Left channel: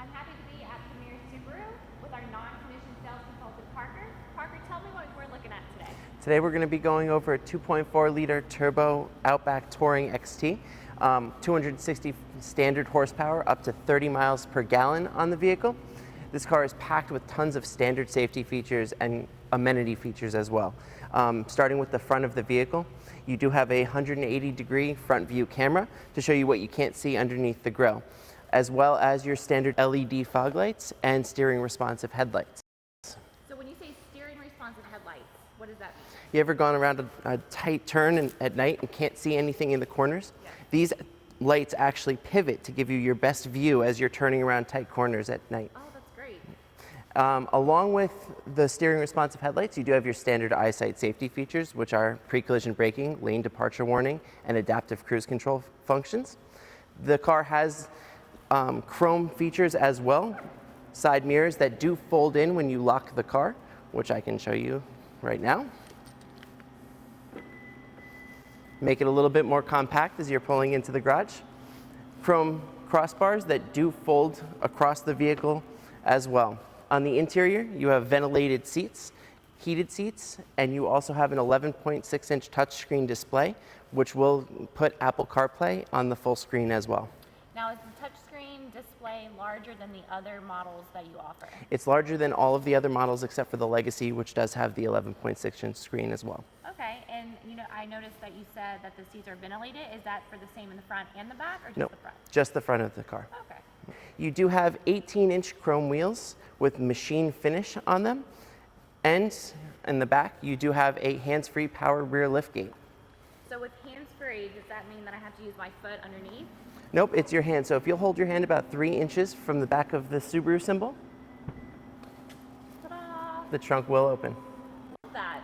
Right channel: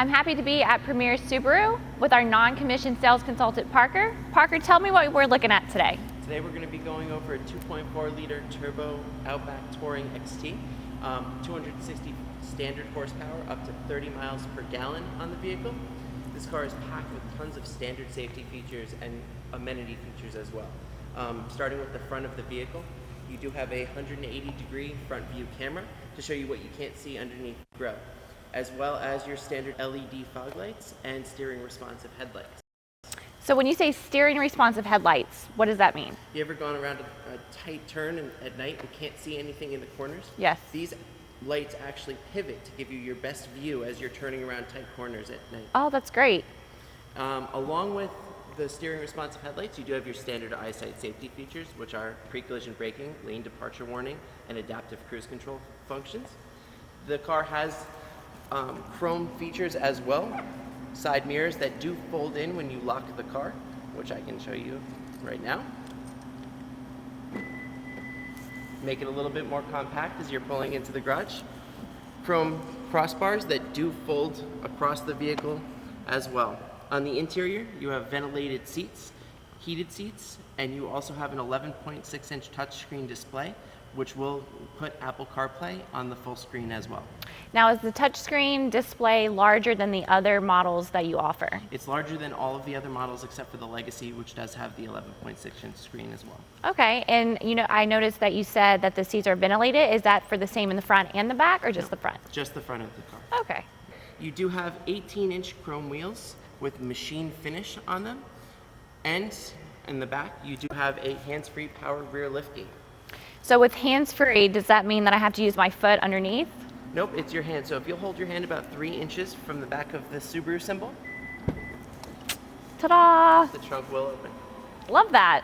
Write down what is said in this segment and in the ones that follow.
I'm happy to be at Premier Subaru with our non-commissioned sales consultant, Parker. Parker, tell me what we're looking at today. Today we're going to be going over a 2.4 liter turbo Outback Touring XT, 260 standard horsepower, up to 30 miles per gallon on the vehicle. This car is packed with tons of standard safety features and amenity features as well. Starting with the front of the vehicle, you do have a 180-degree front view camera to show you what you can't see underneath the grille, as well as your standard LED fog lights and steering responsive headlights. So when you say steering responsive headlights, what does that mean? You ever gone around a tight turn at night and can't see anything in the corners? Yes. These lights actually pivot to give you your best view as you're turning around tight corners at night. Oh, that's great. Along with the steering responsive headlights, you do have your standard Eyesight safety features, which are pre-collision braking, lane departure warning, and adaptive cruise control functions. The car has chrome features as well, side mirrors that do fold in when you lock the car, which I can show you right now. Make it a little bit more compact as you're pulling into the garage. Chrome crossbars that do fold across the vehicle as well. On the interior, you have ventilated seats, heated seats, and you also have an 11.6-inch touchscreen display, which will put Apple CarPlay on the full screen as well. Now, is the touchscreen display larger than the other models that you offer? It's larger than all of the other models except for the Legacy, which does have the 11.6-inch screen as well. Okay, and I noticed that you said that the seats are ventilated. Is that for the same in the front and the back, or just the front? Just the front of the car. Okay. You do have 18-inch chrome wheels with machine finish on them, and in the back, you do have a hands-free power rear liftgate. So with hands-free, does that mean that I have to use my foot underneath? Nope, it's your hand. So if you'll hold your hand about 3 inches from the back of the Subaru symbol, ta-da! The trunk will open. Love that.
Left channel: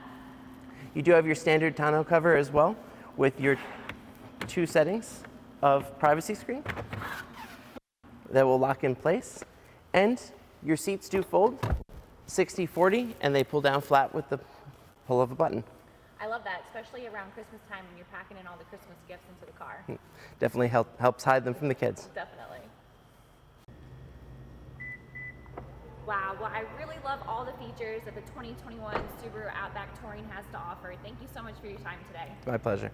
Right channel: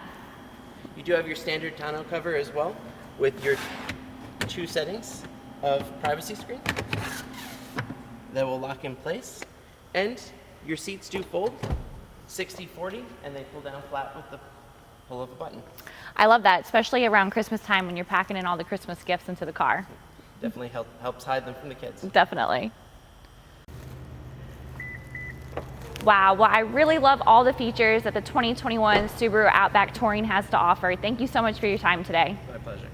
You do have your standard tonneau cover as well, with your 2 settings of privacy screen that will lock in place. And your seats do fold 60-40, and they pull down flat with the pull of a button. I love that, especially around Christmas time when you're packing in all the Christmas gifts into the car. Definitely helps hide them from the kids. Definitely. Wow, well, I really love all the features that the 2021 Subaru Outback Touring has to offer. Thank you so much for your time today. My pleasure.